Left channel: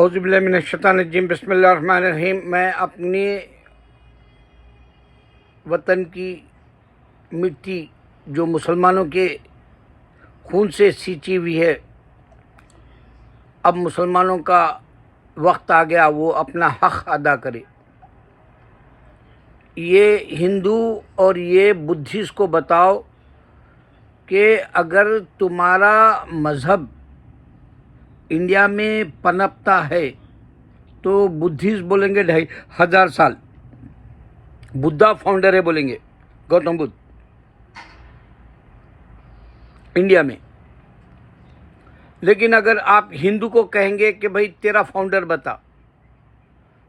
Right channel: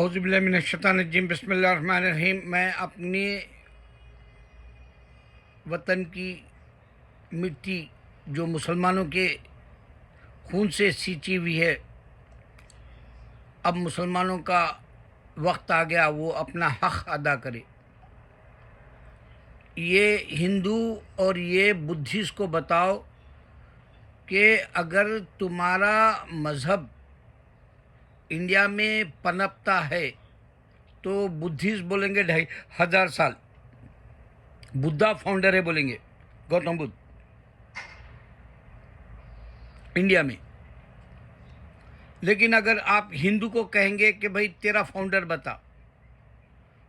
اعوذ باللہ من الشیطان الرجیم، بسم اللہ الرحمن الرحیم۔ میں اپنی وطن کی مٹی جو مسلمانوں کے خون سے سینچی ہوئی ہے، اب مسلمانوں کا وقت آ گیا وہ اپنا حق ادا کرے۔ یہ ہندو اور یہ بدھسٹ کو بتاؤ کہ اگر تمہارا مذہب انڈیا میں پنپتا ہے تو بدھسٹ بولیں گے 2500 سال، بدھا فاؤنڈر ہے بولیں گے، گوتم بدھ انڈیا میں۔ لیکن اگر آپ ہندو کو کہیں گے کہ بھائی تیرا فاؤنڈر بتا،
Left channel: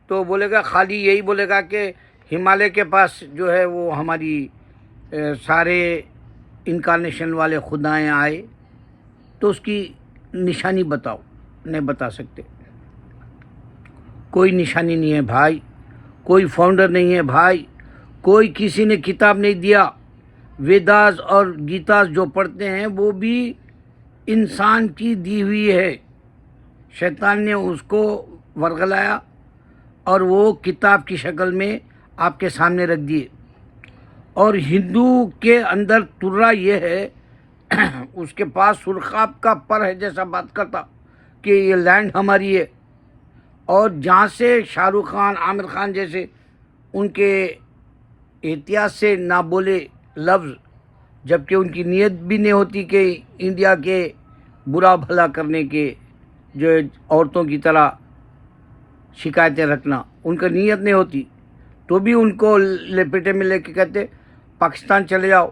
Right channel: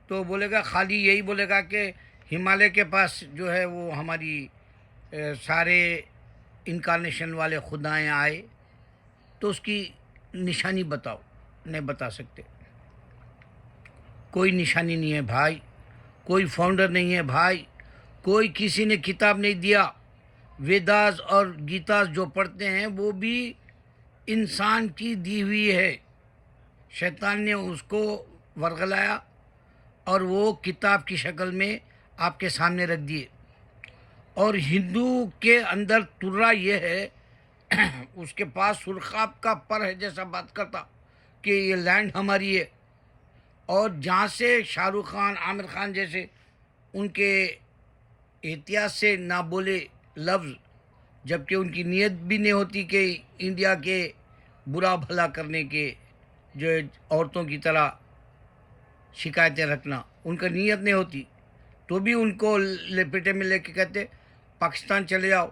تو بولے گا خالی یہی بولے گا کہ ہمالیہ کے پاس جو ہے وہ ہماری سارے انکارنیشن والے خدائیں آئے، تو اس کی نشانی بتاؤ۔ نہیں بتا سکتے، کوئی نشانی نہیں ہے بھائی، کوئی فاؤنڈر نہیں ہے بھائی، کوئی کسی نے کتاب نہیں دیا۔ ویداز اور گیتاز جو پڑھتے ہیں وہ بھی انسان کی دی ہوئی ہے، شیطان نے اس کو ورگلایا اور وہ کتاب کی شکل میں آپ کے سامنے رکھ دیے۔ اور ہندو کے اندر ترا یہ ہے، اس کے پاس سرخاب کا پر ہے جیسا بات کرتا کہ یہ لینڈ ہماری ہے، اور جہاں سے شاہ رخ خان، عامر خان جیسے ان کے احتیاط سے نہ بولے لفظ، جبکہ ان کی نیت بھی نہیں ہوتی کہ انڈیا کے برا بھلا کرنے کے، جو عورتوں کی طرح شکایتیں رکھنا، ان کا نیت نہیں ہوتی، تو بھی ان کو لپیٹے میں لے کے کہتے پاکستان چلے جاؤ،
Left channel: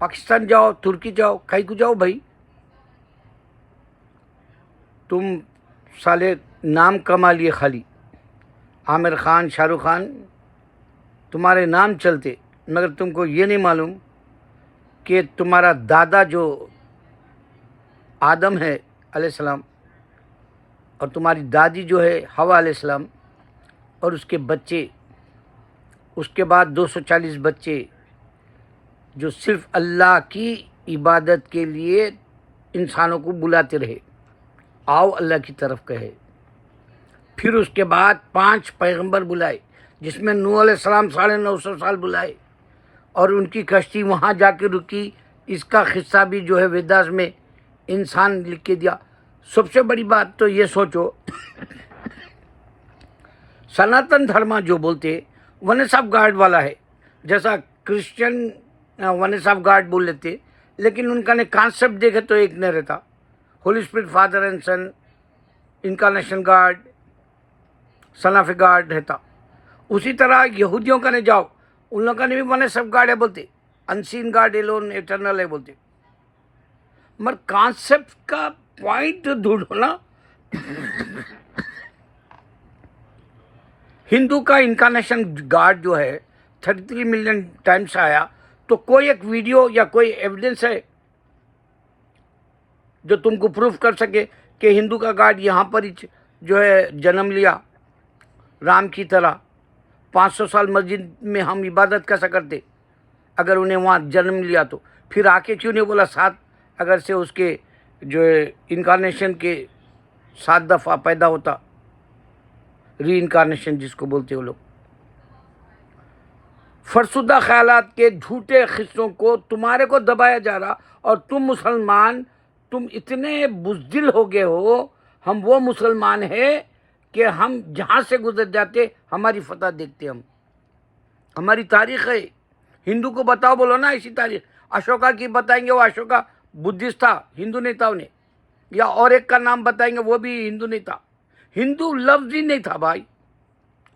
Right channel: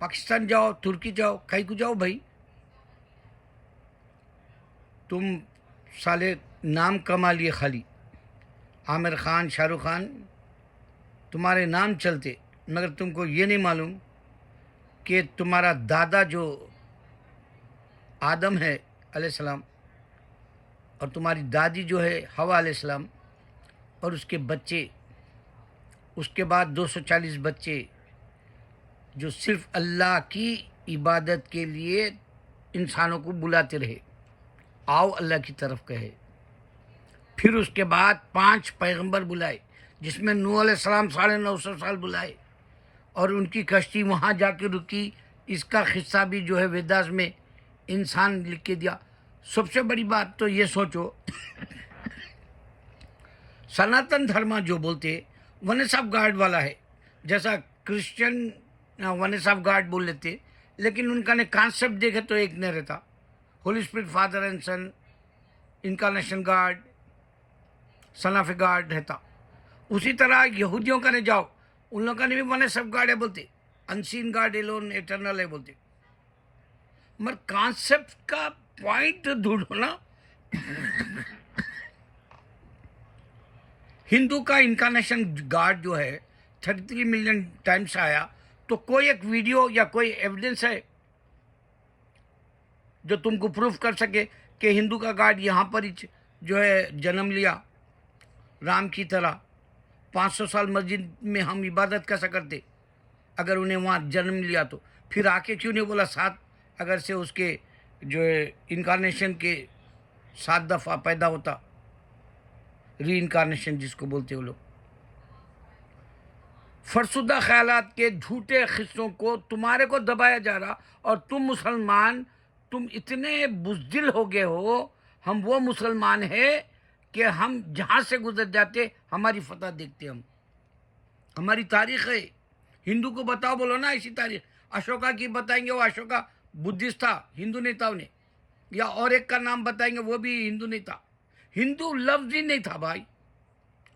پاکستان جاؤ، ترکی جاؤ، کہیں کو جاؤ بھائی، تم سالے نام کما لیے خالی۔ عامر خان، شاہ رخ خان تمہارے نام چلتے، مگر تم کو یہ نہیں معلوم کہ تمہارا دادا جو آدم ہے علیہ السلام، اور تمہاری دادی جو ہے حوا علیہ السلام، اور اس کے بچے، اس کے بعد 240 بچے جو صرف اللہ کی عبادت کے لیے انسانوں کو بلاتے رہے، آؤ اللہ کی طرف کہے۔ پھر اس کے بعد 5 پیغمبر بلائے، جس میں نوح علیہ السلام 950 سال بلائے، اور ان کی کشتی وہاں جا کے رکی۔ اس کا قصہ بھی جو ہے ویداس میں انسان لکھ کے دیا۔ سب سے بڑی بات تو یہ سوچو، سناتن دھرما جو بولتے ونس آف گاڈ والا ہے، جیسا کرسچن ونس آف گاڈ بول لیتے، لیکن ان کا نے کانسیپٹ دیکھے تو ایک نہیں رہتا، holy spirit father and son, incarnation God, son of a God رہتا۔ اسی طرح یہودیوں کا نے جاؤ، ان لوگوں کا نے بھی ونس آف گاڈ ہے بولتے، انسین گاڈ ایلون ایٹرنل ہے بولتے، مگر کانسیپٹ کا پوائنٹ ڈھونڈو نا۔ ہندو کا انکارنیشن گاڈ جو ہے 33 ملین ٹائمس آیا، تو کوئی ایک ویڈیو یا کوئی ایویڈنس ہے جو تم کو پروف کر سکے کہ ہندو کا گاڈ یہاں پر جو ہے جنم لیا رام کی طرح؟ 500 سال مسجد میں ہم عبادت کیسا کرتے اگر انہیں وہاں جنم لیا؟ تو پھر آ کے کیوں نہیں بولا 7 اگر سے اس کے جو انکارنیشن کے 7 دفعہ پیدا ہوتا، ری انکارنیشن جس کو بولتے وہ لوگ۔ فرسودہ خیالات کے جھوٹے قصوں کو تمہارے کو دبایا جا رہا، اور تم مسلمان تم اتنے بزدل ہو گئے ہو۔ ہم وہ مسلمان ہیں کہ ہم جہاں سے گزر جاتے ہماری فتح دیکھتے، ہماری تاریخ ہے۔ ہندو کو بتاؤ، بولو نا اسی تاریخ، اشوکا کی بتائیں گے، وہ اشوکا بدھسٹ تھا، ہندو نہیں تھا انہیں، یا اور ایک کا نام بتائیں گے وہ بھی ہندو نہیں تھا۔ ہندو لفظ ہی نہیں تھا بھائی،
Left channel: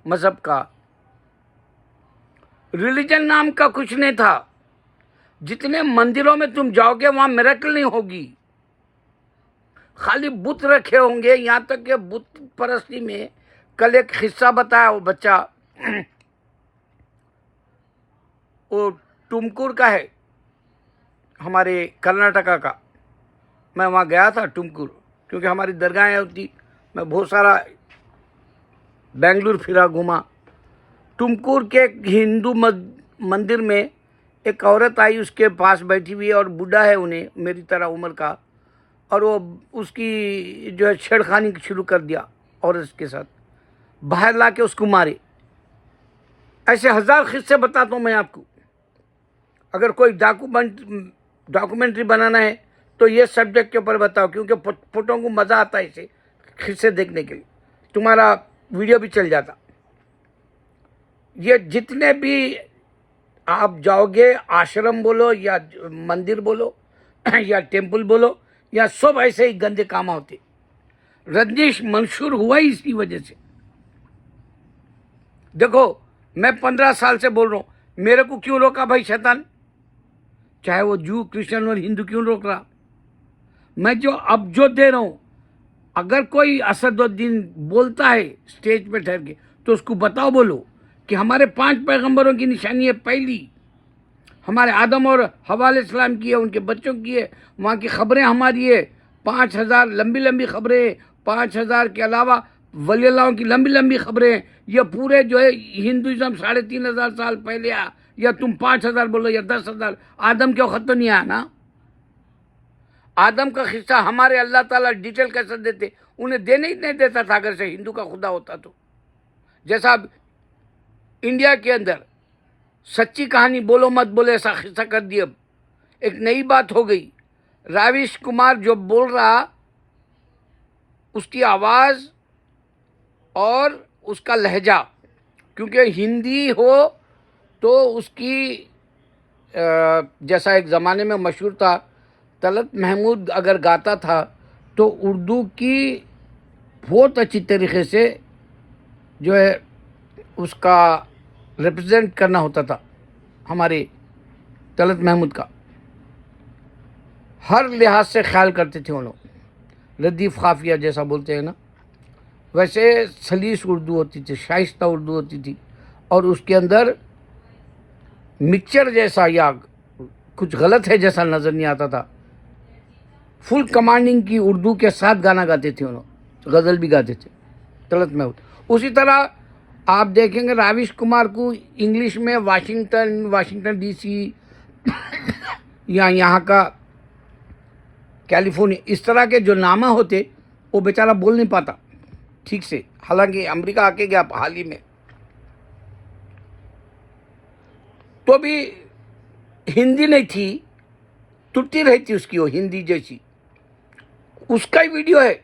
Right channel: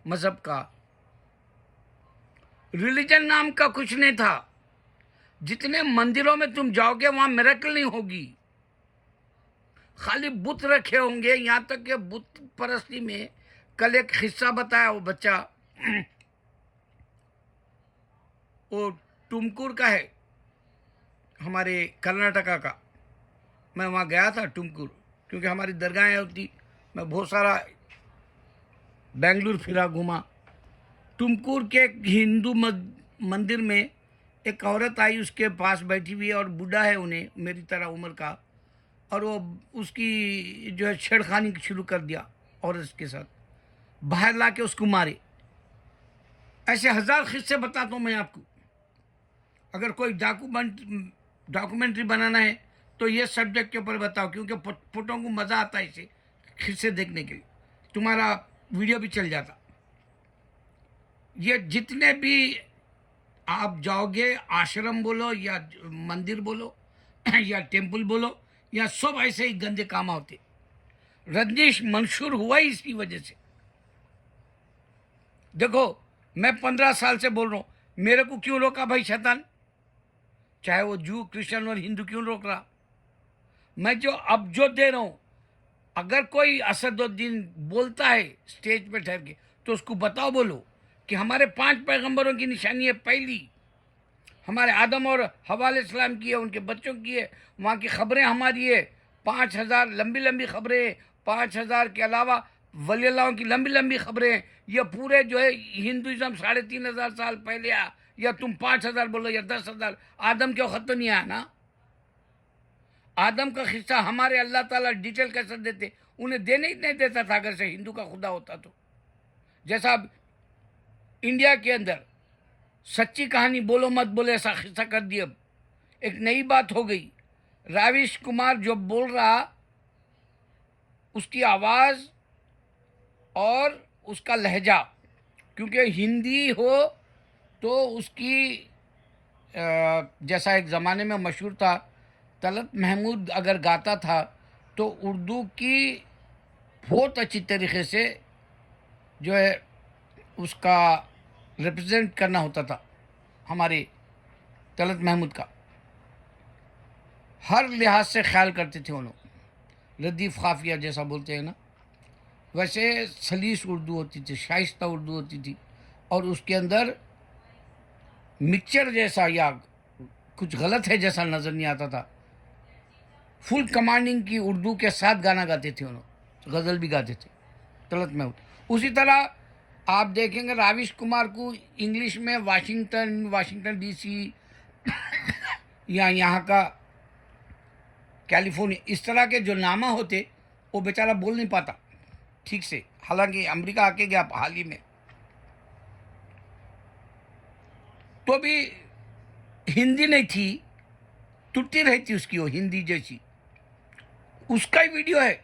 مذہب کا، ریلیجن نام کا کچھ نہیں تھا۔ جتنے مندروں میں تم جاؤ گے وہاں میریکل نہیں ہوگی، خالی بت رکھے ہوں گے۔ یہاں تک کہ بت پرستی میں کل ایک قصہ بتایا، وہ بچہ وہ ٹمکور کا ہے، ہمارے کرناٹکا کا۔ میں وہاں گیا تھا ٹمکور، کیونکہ ہماری درگاہیں ہوتی، میں بہت سارا بنگلور پھرا گھوما۔ ٹمکور کے ایک ہندو مندر میں ایک عورت آئی، اس کے پاس بیٹھی ہوئی ہے، اور بوڑھا ہے انہیں میری طرح عمر کا، اور وہ اس کی جو ہے چھیڑخانی شروع کر دیا عورت کے ساتھ، باہر لا کے اس کو مارے. ایسے ہزار قصے بتاتا ہوں میں آپ کو. اگر کوئی ڈاکومنٹری بنانا ہے تو یہ سبجیکٹ کے اوپر بتاؤ، کیونکہ فوٹوں کو مزہ آتا ہے اسے قصے دیکھنے کے لیے، تمہارا ویڈیو بھی چل جاتا. یہ جتنے بھی آپ جاؤ گے، آشرم بولو یا مندر بولو یا ٹیمپل بولو، یا سب ایسے ہی گندے کام ہوتے. رجنیش منشور ہوا ہی اسی وجہ سے. دیکھو میں 15 سال سے بول رہا ہوں، میرے کو کیوں روکا بھائی شیطان؟ چاہے وہ جو کرسچن اور ہندو کیوں روک رہا؟ میں اب جو دے رہا ہوں، اگر کوئی اسد الدین بولتا ہے اسٹیج پہ ٹھہر کے تو اس کو بتاؤ، بولو کہ ہمارے 5 پیغمبروں کی نشانی ہے. پہلی ہمارے آدم اور حوا علیہ السلام کی ہے، ان کے بچوں کی ہے، وہاں کی خبریں ہماری ہے. 5000 لمبی خبریں ہیں، 5000 کے علاوہ ولی اللہ کی لمبی خبریں ہیں. یہ پورے جو ہے ہندوازم 3500 سال پہلے آیا. یا تم 5000 بولو یا 10,000، آدم کے وقت تو نہیں آیا نا. آدم کا قصہ ہمارے اللہ تعالیٰ ڈیٹیل کیسے دیتے؟ انہیں دینے ہی نہیں دیتا تھا اگر سے ہندو کا خدا ہوتا تو. جیسا اب انڈیا کے اندر سچی کہانی بولو مت بولے ایسا قصہ کر دیا. اب ایک نئی بات ہو گئی. راویش کمار جو بول رہا، اس کی آواز اور اس کا لہجہ، کیونکہ ہندی ہو تو اس کی جیسا ایک زمانے میں مشہور تھا، طلعت محمود اگر گاتا تھا تو اردو کی بہت اچھی طریقے سے جو ہے اس کا ریپرزینٹ کرنا ہوتا تھا. ہمارے طلعت محمود کا ہر لحاظ سے خیال کرتے تھے وہ لوگ. ردیف قافیہ جیسا بولتے ہیں نا، ویسے سلیس اردو ہوتی تھی، شائستہ اردو ہوتی تھی، اور اس کے اندر مکسچر جیسا یا کچھ غلط ہے جیسا نظر نہیں آتا تھا. فل کمانڈنگ کی اردو کے ساتھ گانا گاتے تھے انہوں، غزل بھی گاتے تھے طلعت محمود. اسی طرح آپ دیکھیں گے راویش کمار کو انگلش میں واشنگٹن ڈی سی یا یہاں کا کیلیفورنیا، اس طرح کے جو نامہ ہوتے، وہ بیچارہ بول نہیں پاتا ٹھیک سے، حالانکہ امریکہ آ کے گیا حال ہی میں. تو بھی ہندی نہیں تھی، ٹوٹی رہی تھی اس کی وہ ہندی جیسی. اس کا ہی ویڈیو ہے،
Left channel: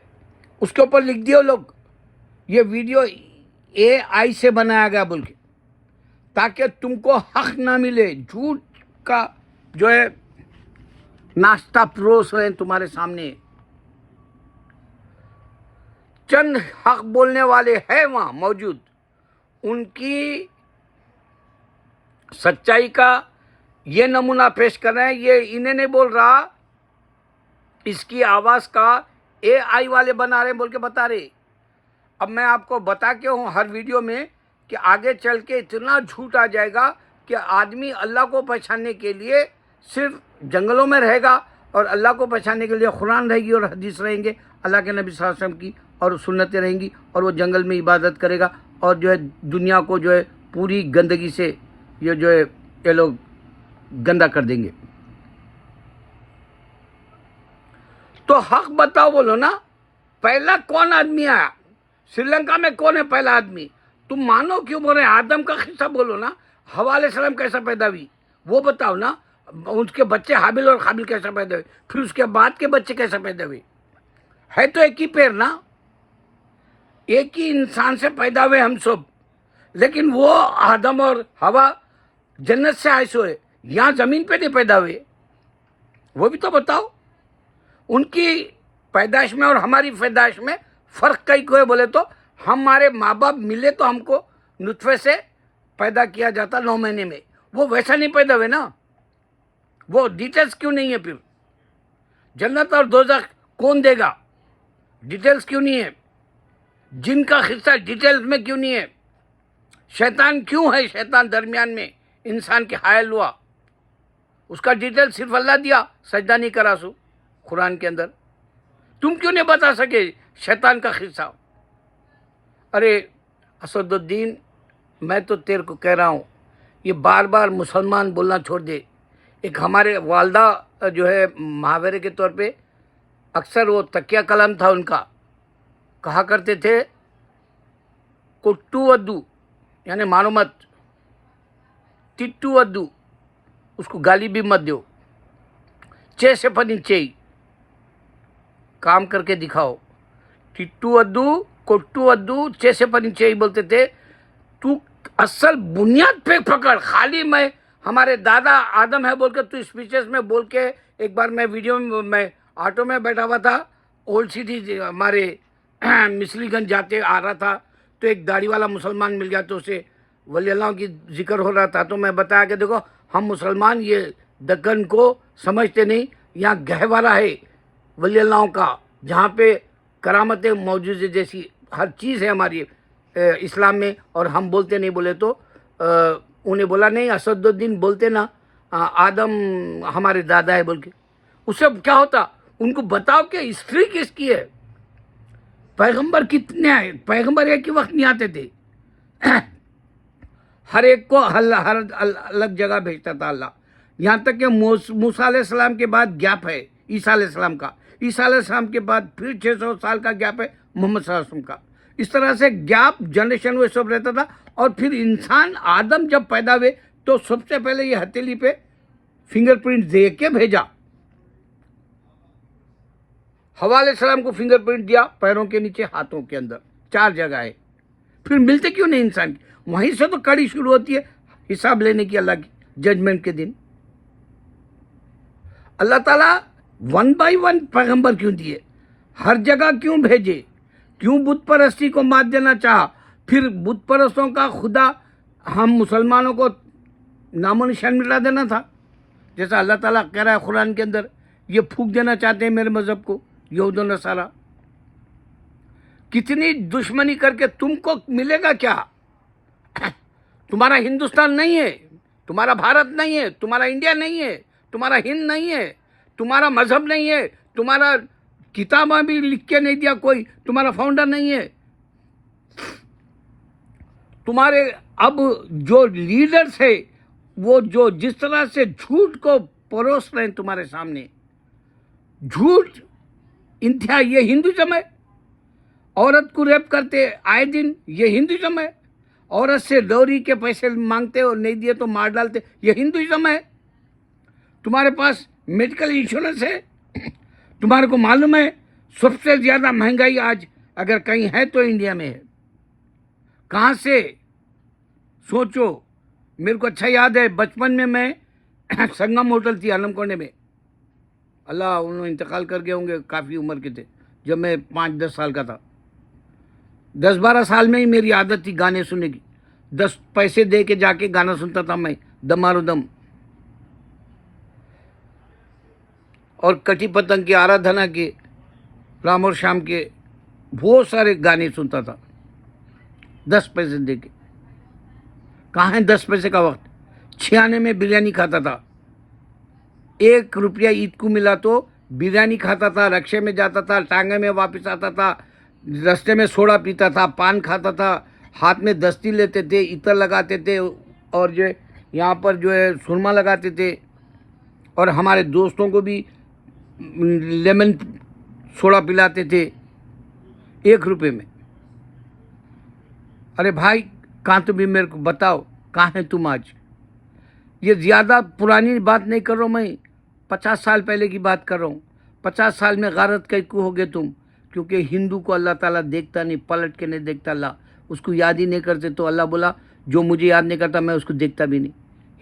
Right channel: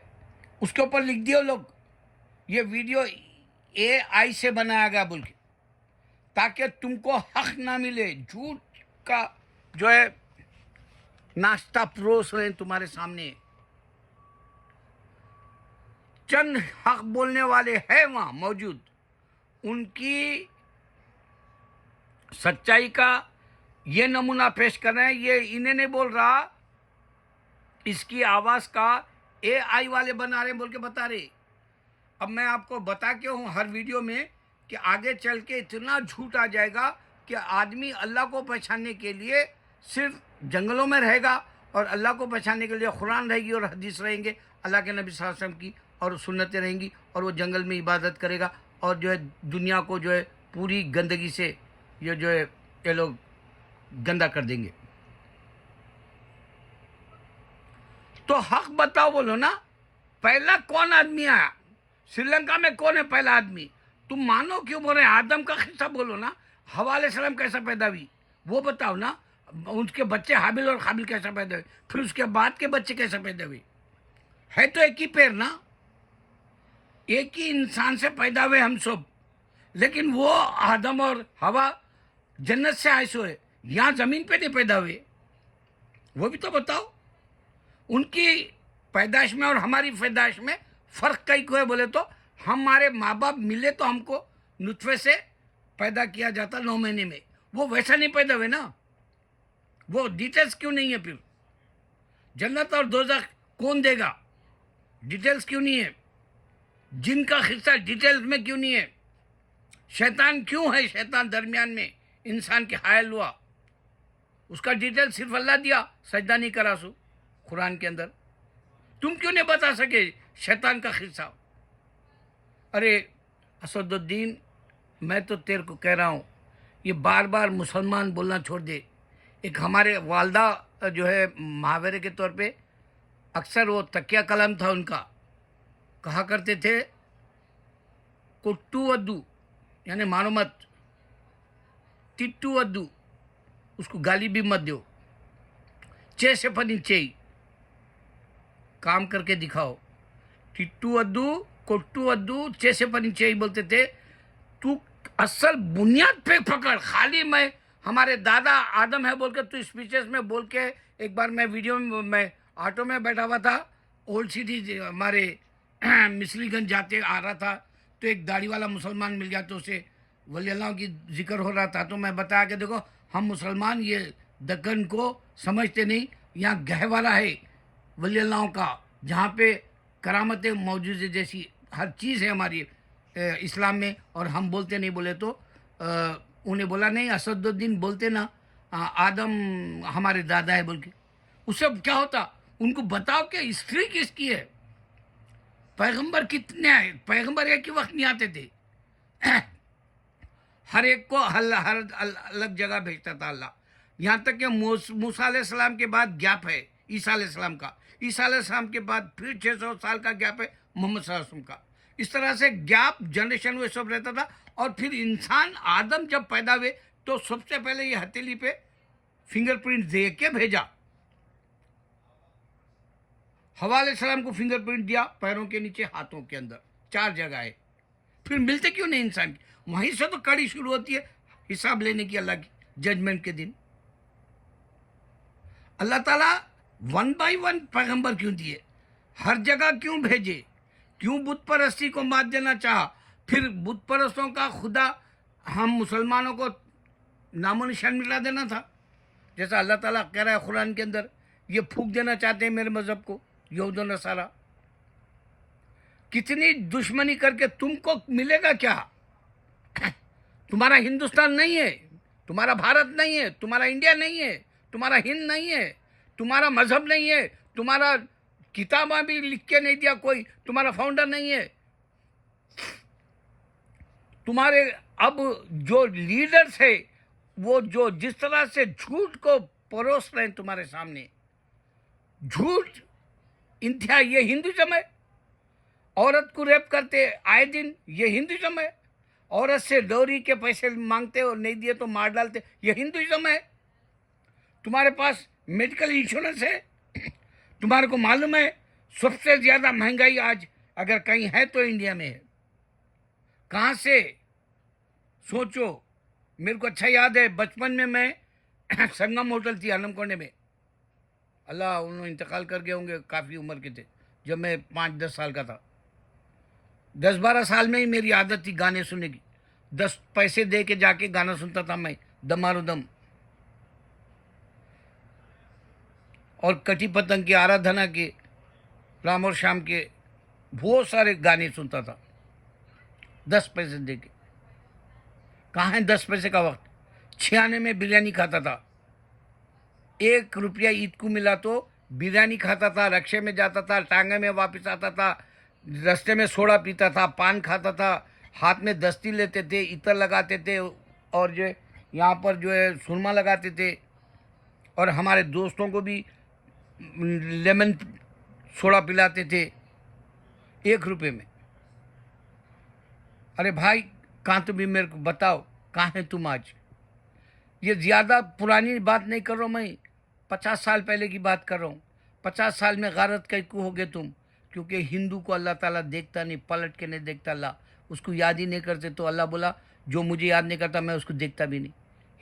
اس کے اوپر لکھ دیا لوگ یہ ویڈیو AI سے بنایا گیا بول کے، تاکہ تم کو حق نہ ملے. جھوٹ کا جو ہے ناشتہ پروس ہے تمہارے سامنے. چند حق بولنے والے ہیں وہاں موجود، ان کی سچائی کا یہ نمونہ پیش کر رہے ہیں. یہ انہیں نہیں بول رہا، اس کی آواز کا AI والے بنا رہے بول کے بتا رہے. اب میں آپ کو بتا کے ہوں ہر ویڈیو میں کہ آگے چل کے اتنا جھوٹ آ جائے گا کہ آدمی اللہ کو پہچاننے کے لیے صرف جنگلوں میں رہے گا، اور اللہ کو پہچاننے کے لیے قرآن رہے گی اور حدیث رہیں گے، اللہ کے نبی صلی اللہ علیہ وسلم کی اور سنتیں رہیں گی، اور وہ جنگل میں عبادت کرے گا، اور جو ہے دنیا کو جو ہے پوری گندگی سے یہ لوگ گندا کر دیں گے. تو حق بتاؤ بولو نا. پہلا کون آدمی آیا سری لنکا میں؟ کون ہے پہلا آدمی؟ تم مانو کیوں بول رہے ہیں؟ آدم کا قصہ بولو نا. حوا علیہ السلام کیسا پیدا ہوئی وہ بتاؤ نا. ان کے بچے حابل اور قابل کیسا پیدا ہوئے، پھر اس کے بعد کے بچے کیسا پیدا ہوئے؟ ہے تو ایک ہی پیر نا، ایک ہی انسان سے پیدا ہوئے ہم سب. لیکن وہ آدم اور حوا جنت سے آئے ہوئے، یہاں زمین پہ نہیں پیدا ہوئے. وہ بھی تو بتاؤ. ان کی پیدائش میں اور ہماری پیدائش میں فرق کئی کو ہے بولے تو ہمارے ماں باپ ملے تو ہم کو نطفے سے پیدا کیا جاتا 9 مہینے میں. وہ ویسا نہیں پیدا ہوئے نا. وہ ڈیٹیلز کیوں نہیں ہے؟ پھر جنت اور دوزخ کون دے گا؟ ڈیٹیلز کیوں نہیں ہے؟ جن کا قصہ ڈیٹیلز میں کیوں نہیں ہے؟ شیطان کیوں ہے؟ شیطان درمیان میں انسان کے حائل ہوا، اس کا ڈیٹیل صرف اللہ دیا، سجدہ نہیں کرا سو قرآن کے اندر. تم کیوں نہیں بتا سکے شیطان کا قصہ؟ ارے اسد الدین، میں تو تیرے کو کہہ رہا ہوں، یہ بار بار مسلمان بولنا چھوڑ دے. ایک ہمارے والدہ جو ہے محاورے کے طور پہ اکثر وہ تکیہ کلام تھا ان کا، کہا کرتے تھے کٹو ودو یعنی مانو مت، ٹٹو ودو اس کو گالی بھی مت دو، چے سے پنی چے کام کر کے دکھاؤ، ٹٹو ودو کٹو ودو چے سے پنی چے بولتے تھے، تو اصل بنیاد پہ پکڑ، خالی میں ہمارے دادا آدم ہے بول کے تو اسپیچز میں بول کے. ایک بار میں ویڈیو میں آٹو میں بیٹھا ہوا تھا، اولڈ سٹی ہمارے مصری گنج جاتے آ رہا تھا، تو ایک داڑھی والا مسلمان مل گیا، تو اسے ولی اللہ کی ذکر ہو رہا تھا، تو میں بتایا کہ دیکھو ہم مسلمان یہ دکن کو سمجھتے نہیں، یہاں گہوارہ ہے ولی اللہ کا، جہاں پہ کرامتیں موجود جیسی ہر چیز ہے ہماری اسلام میں، اور ہم بولتے نہیں. بولے تو انہیں بولا نہیں اسد الدین بولتے نا آدم ہمارے دادا ہے بول کے. اس سے کیا ہوتا؟ ان کو بتاؤ کہ ہسٹری کس کی ہے، پیغمبر کتنے آئے، پیغمبر ایک ہی وقت نہیں آتے تھے، ہر ایک کو ہر الگ جگہ بھیجتا تھا اللہ. یہاں تک کہ موسیٰ علیہ السلام کے بعد گیپ ہے عیسیٰ علیہ السلام کا، عیسیٰ علیہ السلام کے بعد پھر 600 سال کا گیپ ہے محمد صلی اللہ علیہ وسلم کا. اس طرح سے گیپ جنریشن وہ سب رہتا تھا. اور پھر انسان آدم جب پیدا ہوئے تو سب سے پہلے یہ ہتھیلی پہ فنگر پرنٹ دے کے بھیجا. حوا علیہ السلام کو فنگر پرنٹ دیا پیروں کے نیچے، ہاتھوں کے اندر، 4 جگہ ہے. پھر ملتے کیوں نہیں انسان کی؟ وہیں سے تو کڑی شروع ہوتی ہے حساب لینے کی اللہ کی ججمنٹ کے دن. اللہ تعالیٰ 1 بائی 1 پیغمبر کیوں دیے، ہر جگہ کیوں بھیجے، کیوں بت پرستی کو مات دینا چاہا؟ پھر بت پرستوں کا خدا ہم مسلمانوں کو نام و نشان ملا دینا تھا، جیسا اللہ تعالیٰ کہہ رہا ہے قرآن کے اندر، یہ پھونک دینا چاہتے ہیں میرے مذہب کو یہود و نصارہ. کتنی دشمنی کر کے تم کو ملے گا کیا؟ تمہارا ہندوستان نہیں ہے، تمہارا بھارت نہیں ہے، تمہارا انڈیا نہیں ہے، تمہارا ہند نہیں ہے، تمہارا مذہب نہیں ہے، تمہارا کتابیں بھی لکھ کے نہیں دیا کوئی، تمہارا فاؤنڈر نہیں ہے. تمہارے اب جو لیڈرز ہے وہ جو جس طرح سے جھوٹ کو پروس رہے ہیں تمہارے سامنے، جھوٹ انتہا، یہ ہندوازم ہے. عورت کو ریپ کرتے آئے دن، یہ ہندوازم ہے. عورت سے ڈوری کے پیسے مانگتے اور نہیں دیے تو مار ڈالتے، یہ ہندوازم ہے. تمہارے پاس میڈیکل انشورنس ہے، تمہارے کو معلوم ہے سب سے زیادہ مہنگائی آج اگر کہیں ہے تو انڈیا میں ہے. کہاں سے؟ سوچو. میرے کو اچھا یاد ہے بچپن میں سنگم ہوٹل تھی عالم کونے میں، اللہ انہوں انتقال کر گئے ہوں گے، کافی عمر کے تھے جب میں 5-10 سال کا تھا. 10-12 سال میں ہی میری عادت تھی گانے سننے کی. 10 پیسے دے کے جا کے گانا سنتا تھا میں، دمارو دم اور کٹی پتنگ کے، آرادھنا کے، رام اور شام کے، بہت سارے گانے سنتا تھا 10 پیسے دے کے. کہاں ہے 10 پیسے کا وقت؟ 96 میں بریانی کھاتا تھا. 1 روپیہ عید کو ملا تو بریانی کھاتا تھا، رکشے میں جاتا تھا، ٹانگے میں واپس آتا تھا، رستے میں سوڈا پیتا تھا، پان کھاتا تھا، ہاتھ میں دستی لیتے تھے، عطر لگاتے تھے، اور جو یہاں پر جو ہے سرما لگاتے تھے، اور ہمارے دوستوں کو بھی لیمن سوڈا پلاتے تھے 1 روپے میں. ارے بھائی کہاں تو بھی میرے کو بتاؤ کہاں ہے تم آج؟ یہ زیادہ پرانی بات نہیں کر رہا ہوں میں، 50 سال پہلے کی بات کر رہا ہوں. 50 سال میں غارت کیوں ہو گئے تم؟ کیونکہ ہندو کو اللہ تعالیٰ دیکھتا نہیں، پلٹ کے نہیں دیکھتا. اللہ اس کو یاد ہی نہیں کرتے، تو اللہ بولا جو مجھے یاد نہیں کرتا میں اس کو دیکھتا بھی نہیں.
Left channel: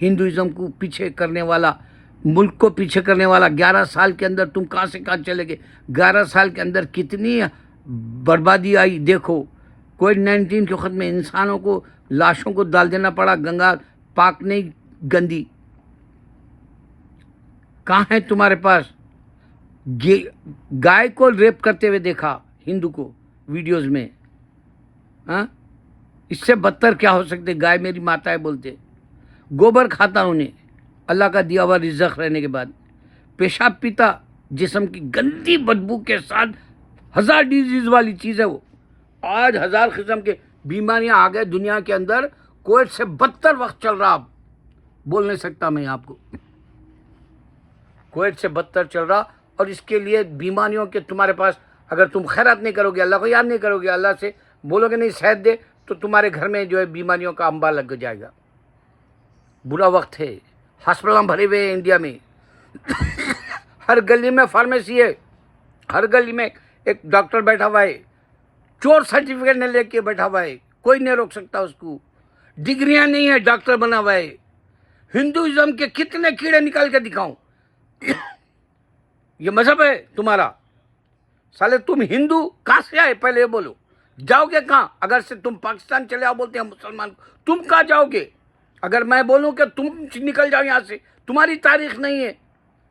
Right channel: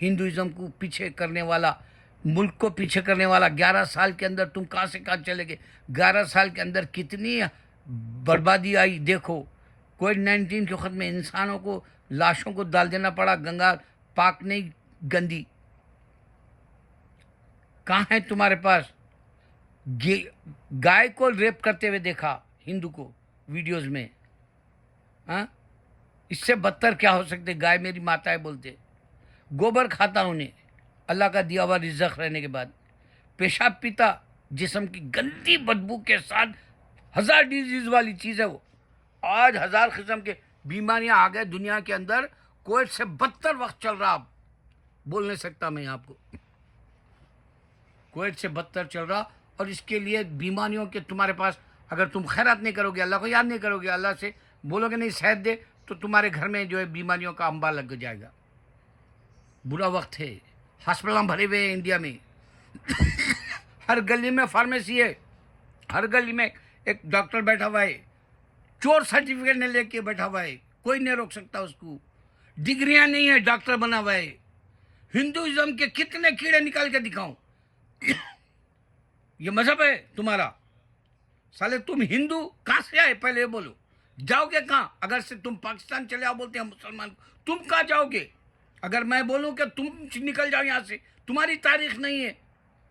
ہندوازم کو پیچھے کرنے والا، ملک کو پیچھے کرنے والا 11 سال کے اندر تم کہاں سے کہاں چلے گئے؟ 11 سال کے اندر کتنی بربادی آئی دیکھو. کووڈ-19 کے وقت میں انسانوں کو، لاشوں کو ڈال دینا پڑا، گنگا پاک نہیں گندی. کہاں ہے تمہارے پاس؟ گائے کو ریپ کرتے ہوئے دیکھا ہندو کو ویڈیوز میں. ہاں اس سے بدتر کیا ہو سکتے؟ گائے میری ماتا ہے بولتے. گوبر کھاتا انہیں اللہ کا دیا ہوا رزق رہنے کے بعد. پیشاب پیتا، جسم کی گندی بدبو کے ساتھ، 1000 ڈیزیز والی چیز ہے وہ. آج 1000 قسم کے بیماریاں آ گئے دنیا کے اندر. کووڈ سے بدتر وقت چل رہا، اب بول نہیں سکتا میں آپ کو. کووڈ سے بدتر چل رہا، اور اس کے لیے بیماریوں کے تمہارے پاس اگر تم خیرات نہیں کرو گے، اللہ کو یاد نہیں کرو گے، اللہ سے بولو گے نہیں صحت دے، تو تمہارے گھر میں جو ہے بیماریوں کا انبار لگ جائے گا. برا وقت ہے، ہسپتال بھرے ہوئے ہیں انڈیا میں. ہر گلی میں فارمیسی ہے، ہر گلی میں ایک ڈاکٹر بیٹھا ہوا ہے، چور سرٹیفکیٹ نہیں لے کے بیٹھا ہوا ہے، کوئی نہیں روک سکتا اس کو. ڈگریاں نہیں ہے، ڈاکٹر بنا ہوا ہے. ہندوازم کے کتنے کیڑے نکال کے دکھاؤں؟ یہ مذہب ہے تمہارا؟ سالے تم ہندو کہاں سے آئے پہلے یہ بولو. جاؤ گے کہاں؟ اگر سے تم پاکستان چلے آؤ بولتے ہیں مسلمان کو، تم کہاں جاؤ گے؟ اگر میں بولوں کہ تم نکل جاؤ یہاں سے، تمہاری تاریخ نہیں ہے،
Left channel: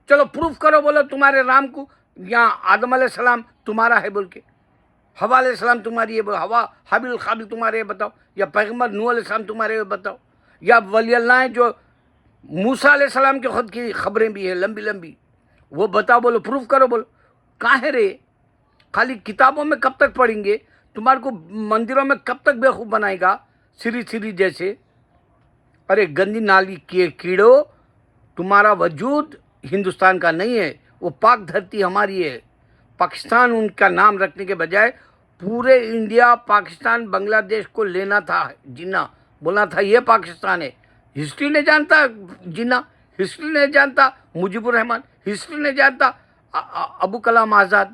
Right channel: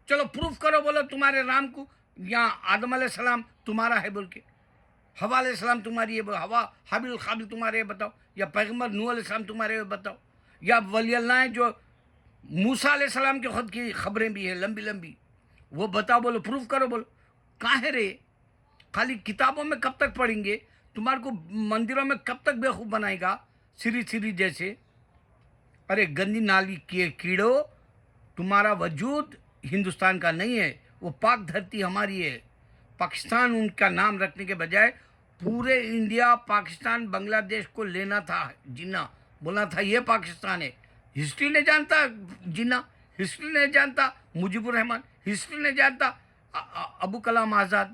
چلو پروف کرو، بولو تمہارے رام کو یہاں آدم علیہ السلام تمہارا ہے بول کے، حوا علیہ السلام تمہاری ہے بولو، حوا حابیل قابل تمہارے ہے بتاؤ، یا پیغمبر نوح علیہ السلام تمہارے ہے بتاؤ، یا ولی اللہ ہیں جو موسیٰ علیہ السلام کے خود کی خبریں بھی ہیں لمبی لمبی، وہ بتاؤ، بولو پروف کرو. بولو کہاں ہے رے؟ خالی کتابوں میں کب تک پڑھیں گے؟ تمہارے کو مندروں میں کب تک بیوقوف بنائے گا سری جیسے؟ ارے گندی نالی کے کیڑو، تمہارا وجود ہندوستان کا نہیں ہے، وہ پاک دھرتی ہماری ہے. پاکستان ان کا نام رکھنے کے بجائے پورے انڈیا پاکستان بنگلہ دیش کو لینا تھا، جنا بولنا تھا یہ پاکستان ہے. ہسٹری نہیں جانتا جنا، ہسٹری نہیں جانتا مجیب الرحمان، ہسٹری نہیں جانتا ابو کلام آزاد.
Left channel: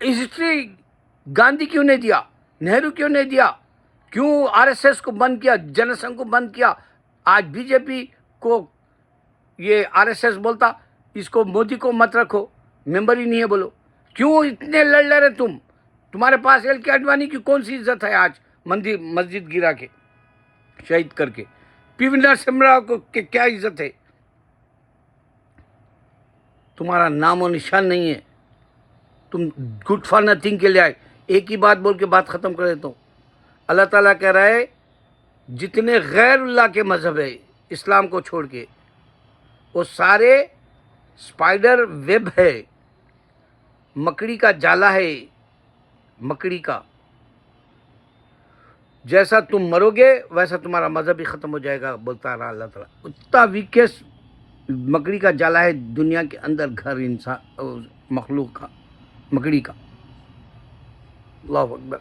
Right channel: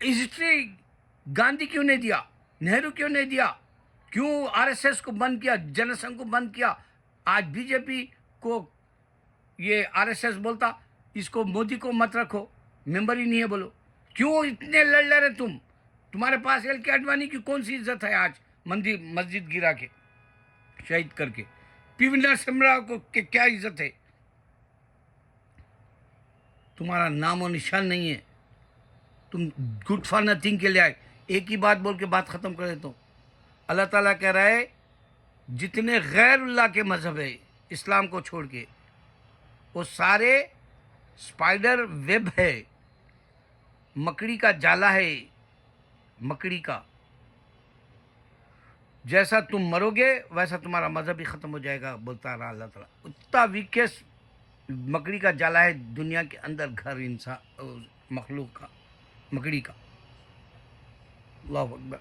ہسٹری گاندھی کیوں نہیں دیا؟ نہرو کیوں نہیں دیا؟ کیوں آر ایس ایس کو بند کیا، جن سنگھ کو بند کیا؟ آج بی جے پی کو یہ آر ایس ایس بولتا، اس کو مودی کو مت رکھو، ممبر ہی نہیں ہے بولو. کیوں اتنے لڑ رہے تم؟ تمہارے پاس ایل کے اڈوانی کی کون سی عزت ہے آج؟ مسجد گرا کے شہید کر کے. پی وی نرسمہا راؤ کو کیا عزت ہے؟ تمہارا نام و نشان نہیں ہے. تم گڈ فار نتھنگ کے لیے آئے. ایک ہی بات بول کے بات ختم کر دیتا ہوں. اللہ تعالیٰ کہہ رہا ہے جتنے غیر اللہ کے مذہب ہے اسلام کو چھوڑ کے، وہ سارے اسپائڈر ویب ہے، مکڑی کا جالا ہے، مکڑی کا. جیسا تم مرو گے ویسا تمہارا مذہب بھی ختم ہو جائے گا، بولتا رہا اللہ تعالیٰ. اتنا ویکیسٹ مکڑی کا جالا ہے دنیا کے اندر، گھر انسان مخلوق کا، مکڑی کا. اللہ اکبر.